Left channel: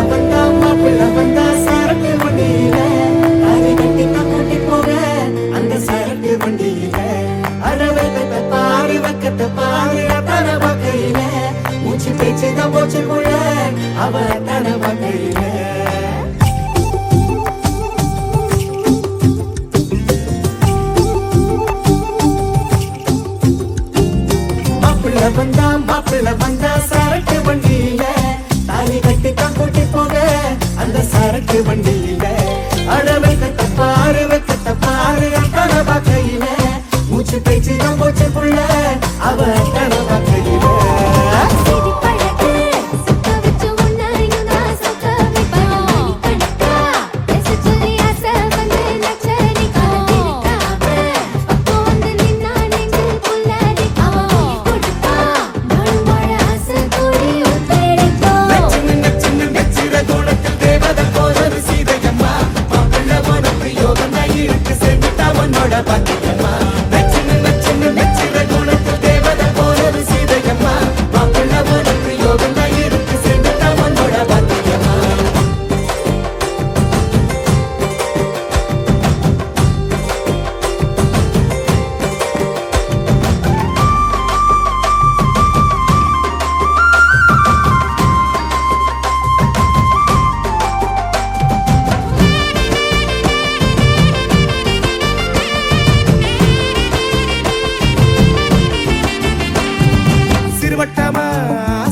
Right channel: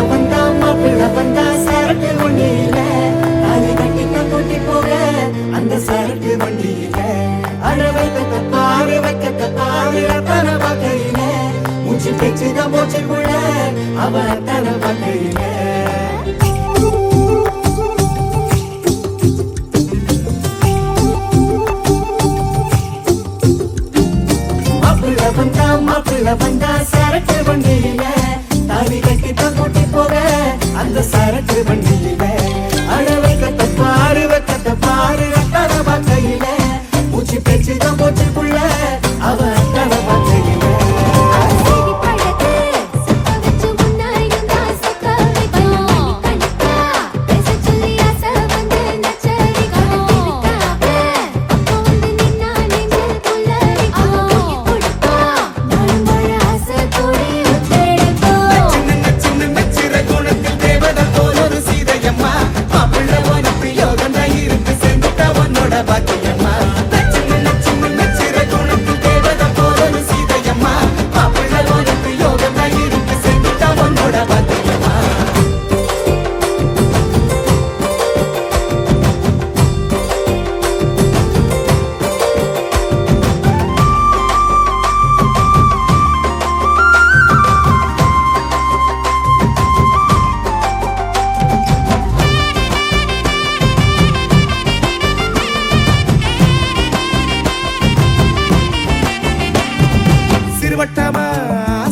மாப்பிள்ள வந்தா சரக்கு வண்டியில தாலி கட்டி தான் கூட்டி போக அந்த சரக்கு வண்டியில அடவைக்கத்தை பாரு வைக்கத்தை பாரு தர வகையில மூச்சு பேச்சுதான் போச்சு உள்ள அவ தர வகையில மாப்பிள்ள வந்தா சரக்கு வண்டியில தாலி கட்டி தான் கூட்டி போக அந்த சரக்கு வண்டியில அழவைக்கத்தை பாரு தர வகையில மூச்சு பேச்சுதான் போச்சு புள்ள அவ தர வகையில வட்டமா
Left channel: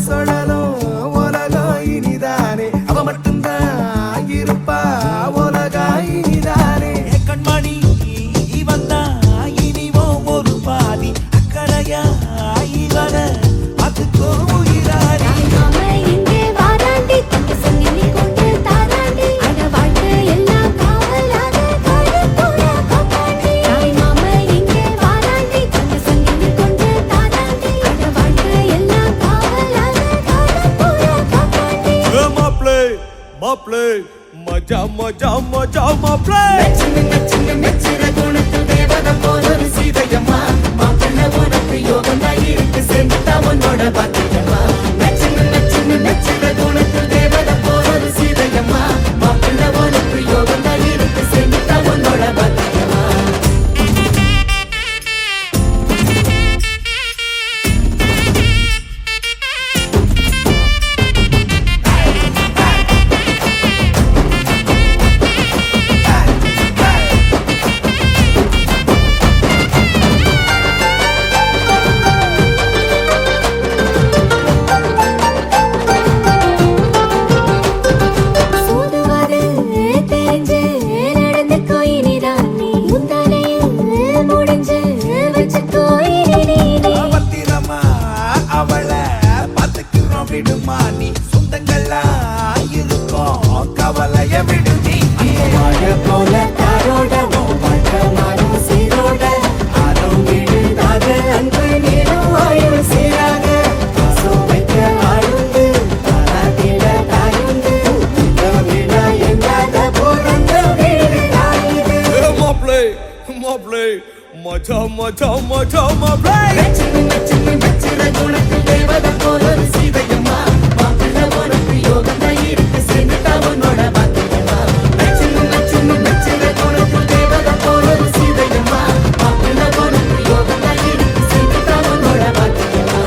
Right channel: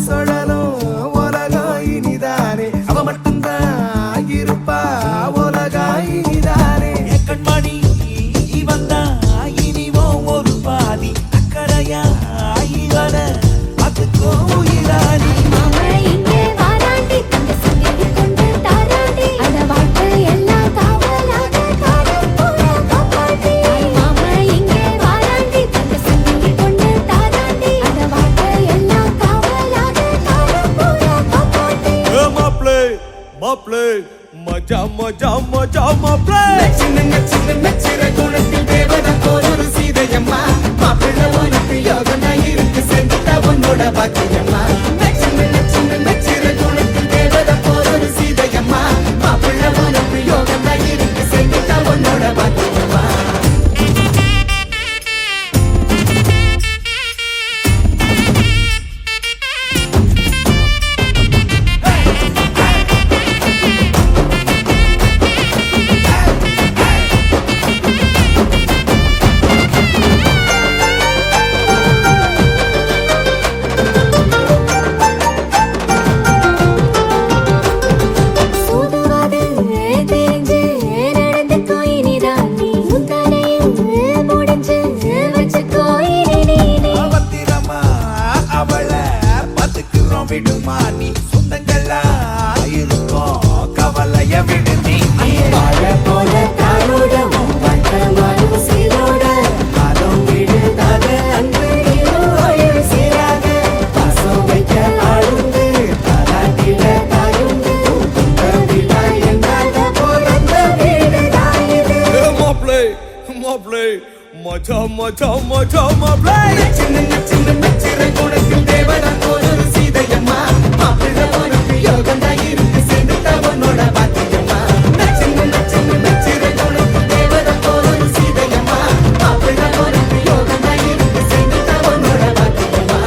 சொல்லலும் உலகம் இனிதானே அவ மட்டும்தான் இருப்பா உலகம் இனிதானே கண்மணி வந்தா இனிவோம் ஒரு பாதி அக்கறையா இவன அதுக்கோ உயிரானி மாப்ளே மஜா மஜா மஜா மாப்ளே நச்சிர குணத்தில் தேவதை போல ஒரு சீதையம்மா மாப்பிள்ள உனக்கு யோகம் இருக்கு சேர்ந்துட்டா உன்னோட பாக்கியம்மா நச்சிர குணத்தில் தேவதை போல ஒரு சீதையம்மா மாப்பிள்ள உனக்கு யோகம் இருக்கு சேர்ந்துட்டா உன்னோட பாக்கியம்மா விடுமானி சொந்தங்கள்லாம் இருக்கும் கவலைய விடுமி வாழ போல தாரோடவும் வாழ்க்கமாறும் சீரோட ஆளும் விடுதாத அன்பு நீரும் ஆயுள் சீராக பாசம் வைக்க ஆளுந்து தாராட்டில தாயுந்து இந்த விழா என்றாத பிறந்த வீடு தாயுது மாப்ளே மாப்ளே மஜா மஜா மஜா மாப்ளே நச்சிர குணத்தில் தேவதை போல சீதையம்மா மாப்பிள்ள உனக்கு யோகம் இருக்கு சேர்ந்துட்டா உன்னோட பாக்கியம்மா நச்சிர குணத்தில் தேவதை போல சீதையம்மா மாப்பிள்ள உனக்கு யோகம் இருக்கு சேர்ந்துட்டா உன்னோட பாக்கியம்மா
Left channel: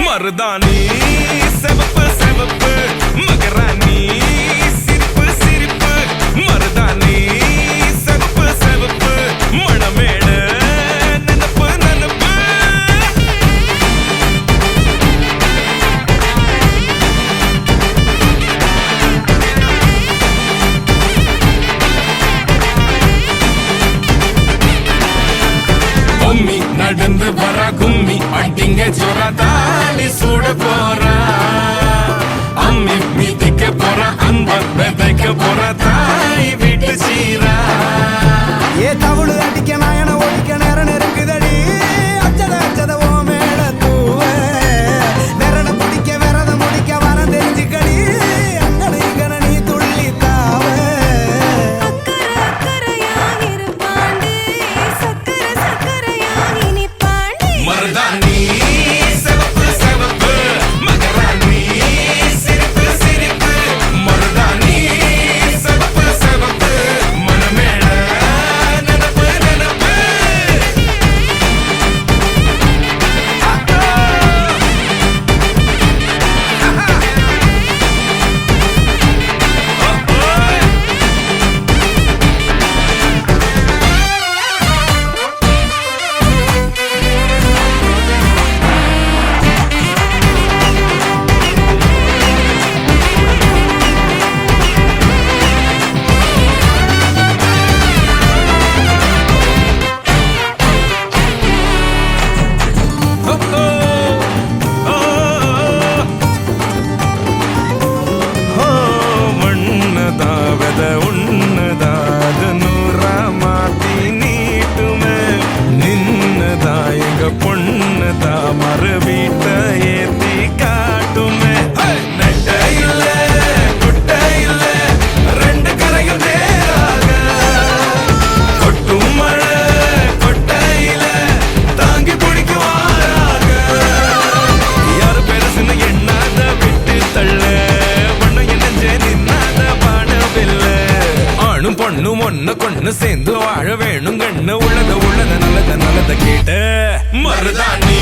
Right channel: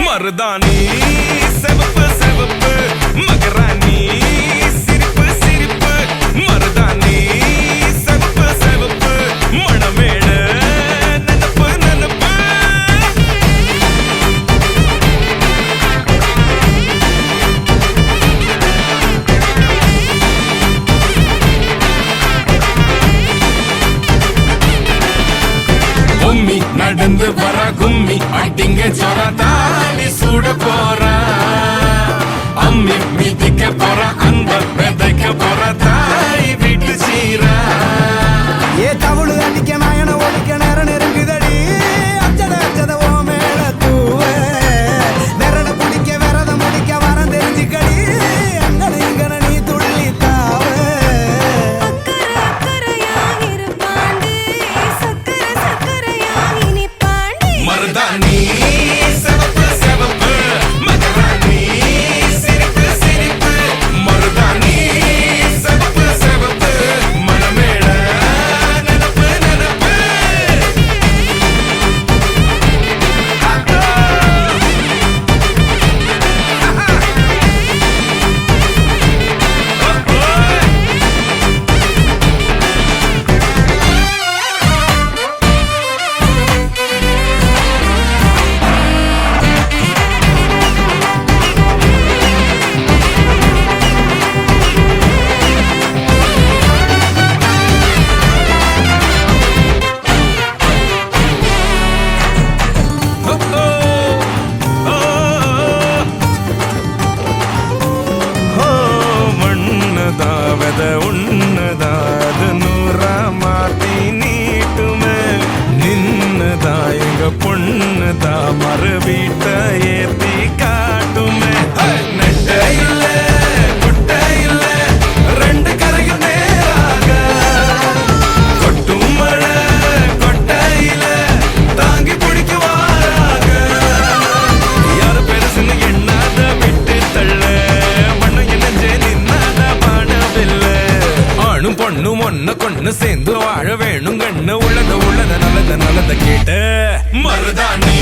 மருதானி செவப்பு செவப்பு மகராணி சிரிப்பு சிரிப்பு மருதானி செவப்பு செவப்பு மணமேடு நனப்பு நனப்பு டிங்க ஜோரா தாடி சூட போறா அம்மி மீதிக்க போறா அன்ப விதைக்க போறா தாய் வீட்டு சீரா ஏ தவுளு அடிக்க நாயன ஒடிக்க நேரம் நெருங்குதடி அச்சத ஓ மேல தூவ விரட பிடிக்க விரத முடிக்க வரம் தெரிஞ்சுக்கடி அங்கன இங்கன நீ துள்ளி தாவ மருதாணி சிவப்பு சிவப்பு மகராணி சிரிப்பு சிரிப்பு மருதாணி சிவப்பு சிவப்பு மனமேட நினப்பு நினப்பு மண்ணதாவத உன்னதாது நூறா மாத்தி நீட்டுமே நின்னதா எங்க பொண்ணுதா மறு வீட்ட ஏத்தி காட்டுமே நெட்ட இல்ல குட்ட இல்ல ரெண்டு கரையும் நேராக கொட்டும் மழை கொட்டையில தாங்கி பிடிக்குவாராக யாரு பெருசுன்னு எண்ணாத விட்டு தள்ள வண்ணம் என்னஞ்சே நின்னாத வானவில்ல ஆணும் பொண்ணும் ஒன்ன கொண்டு சேர்ந்து வாழ வேணும் கண்ணு உள்ளத நல்லத கேட்ட மருதாணி